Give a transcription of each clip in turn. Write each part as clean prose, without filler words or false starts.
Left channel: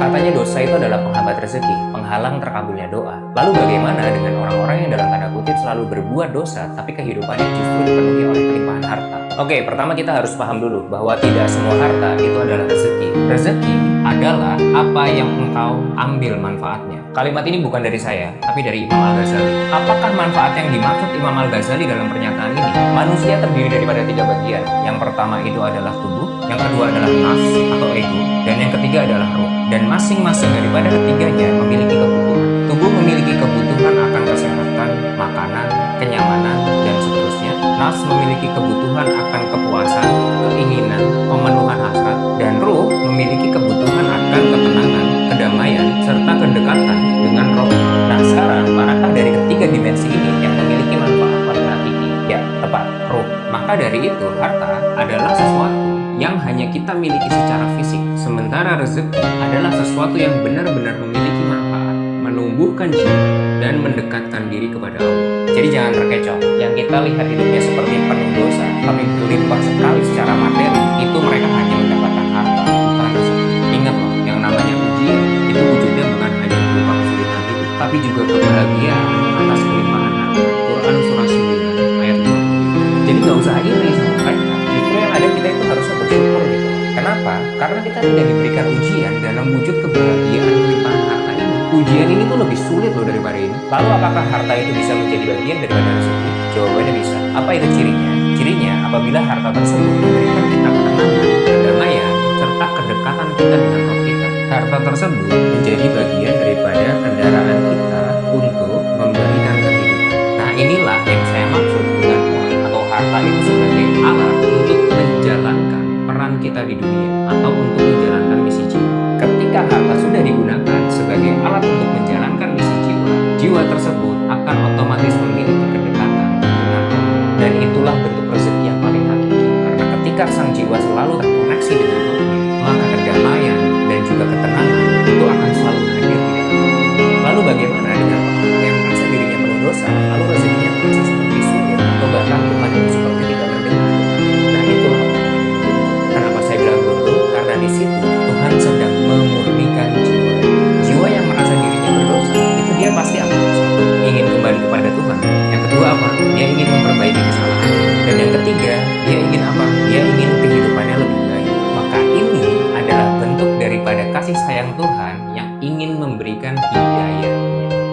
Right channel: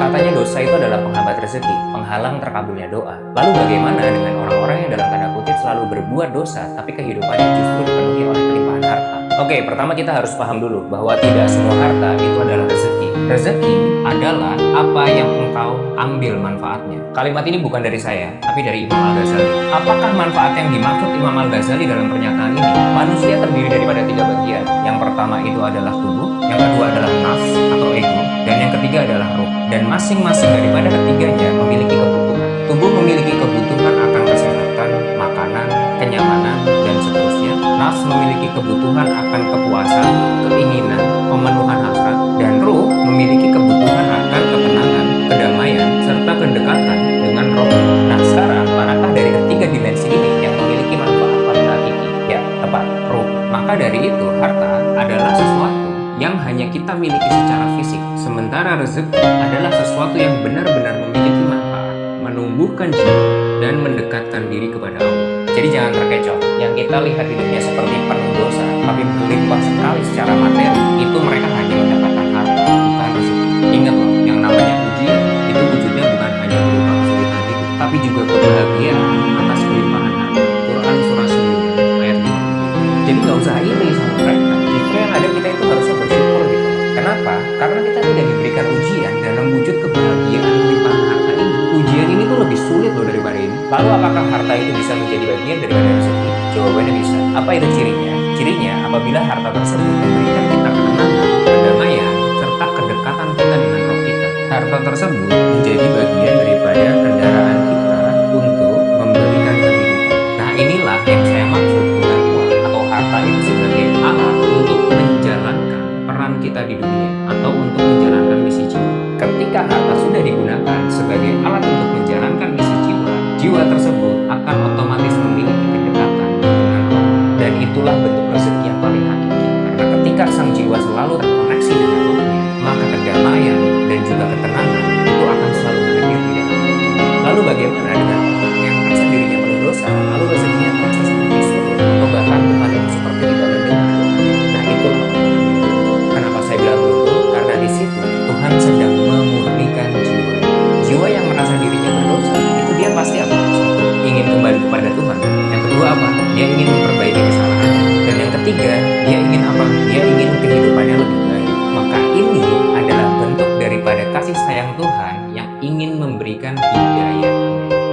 Katanya dosa itu adalah penghambat rezeki, penghalang terkabulnya doa. Lalu bagaimana dengan orang-orang yang dalam tanda kutip selalu berbuat dosa, tapi kehidupannya justru dipenuhi oleh kelimpahan harta? Oke, pertama kita harus paham dulu bahwa tidak semua harta itu adalah rezeki. Rezeki adalah apa yang engkau ambil manfaatnya. Kalimat ini bukan dari saya, tapi dari Imam Al-Ghazali. Apakah manfaat yang dimaksud Imam Al-Ghazali dalam pernyataan ini? Manusia terdiri daripada 3 bagian. Yang pertama itu adalah tubuh, yang kedua adalah nafs atau ego, dan yang ketiga adalah ruh. Dan masing-masing daripada ketiganya memiliki kebutuhan. Tubuh memiliki kebutuhan akan kesehatan, makanan, kenyamanan, dan seterusnya. Nafs memiliki kebutuhan akan kepuasan, keinginan, pemenuhan hasrat, dan ruh memiliki kebutuhan akan ketenangan, kedamaian, serta kedekatan dengan rohnya. Nah sekarang, manakah dari ketiga dimensi ini yang memiliki manfaat paling hakiki? Ya, tepat, ruh. Maka dari itu, harta adalah sesuatu yang hanya kita miliki secara fisik, sementara rezeki adalah sesuatu yang benar-benar memiliki manfaat, menumbuhkan jiwa, dan mendekatkan diri kepada Allah. Jadi jangan terkecoh, yang kita lihat hidupnya seperti penuh dosa, tapi berlimpah sekali secara materi, itu mereka hanya mendapatkan harta, bukan rezeki. Ingat loh, yang namanya ujian, itu wujudnya bukan hanya berupa kesulitan hidup, tapi juga kebahagiaan atas kelimpahan harta. Quran Surah 9 ayat 20. Jadi nggak usah iri sama mereka. Justru yang ada kita itu harusnya bersyukur gitu. Kenapa? Karena kita tidak diberikan ujian dalam wujud kebahagiaan kelimpahan harta ini. Ujian ini tuh lebih sulit loh daripada ini. Lalu apakah harta itu bisa menjadi bagian daripada rezeki? Jawabannya bisa. Apa itu cirinya? Cirinya apabila harta tersebut memberikan kita ketenangan, kedamaian, serta kedekatan kita dengan roh kita. Harta tersebut menjadi bagian daripada kendaraan kita untuk memberikan kehidupan. Nah inilah yang saya maksud dengan uang atau harta itu sebagai alat untuk menjalankan peran kita di dunia atau untuk menjalankan misi jiwa. Ketika harta sudah digunakan sebagai alat untuk menjalankan misi jiwa, jiwa tersebut akan otomatis memiliki kedekatan dengan roh. Dan itulah bentuk rezeki yang paling hakiki. Karena ketika sang jiwa selalu terkoneksi dengan rohnya, maka kedamaian dan juga ketenangan itu akan selalu hadir di dalam rohnya. Lalu bagaimana dengan orang-orang yang merasa dirinya penuh dosa, lalu rezekinya terasa seperti sulit, atau bahkan Tuhan itu seperti tidak mendengar doanya? Nah itulah orang-orang yang beruntung. Kenapa saya bilang beruntung? Karena di situ Tuhan sedang memurnikan jiwa. Jiwa yang merasa dirinya berdosa, itu dia pasti apa? Satu, ingin kembali kepada Tuhan. Yang kedua apa? Dia ingin memperbaiki kesalahannya. Dan yang ketiga, dia ingin apa? Dia ingin kehidupannya lebih baik. Maka ini adalah bentuk daripada kasih sayang Tuhan yang ingin memberikan hidayah.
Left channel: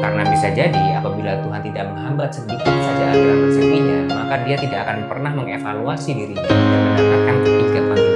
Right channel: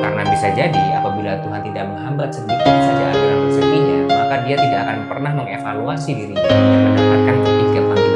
Karena bisa jadi apabila Tuhan tidak menghambat sedikit saja aliran rezekinya, maka dia tidak akan pernah mengevaluasi dirinya dan mendapatkan ketiga panggilan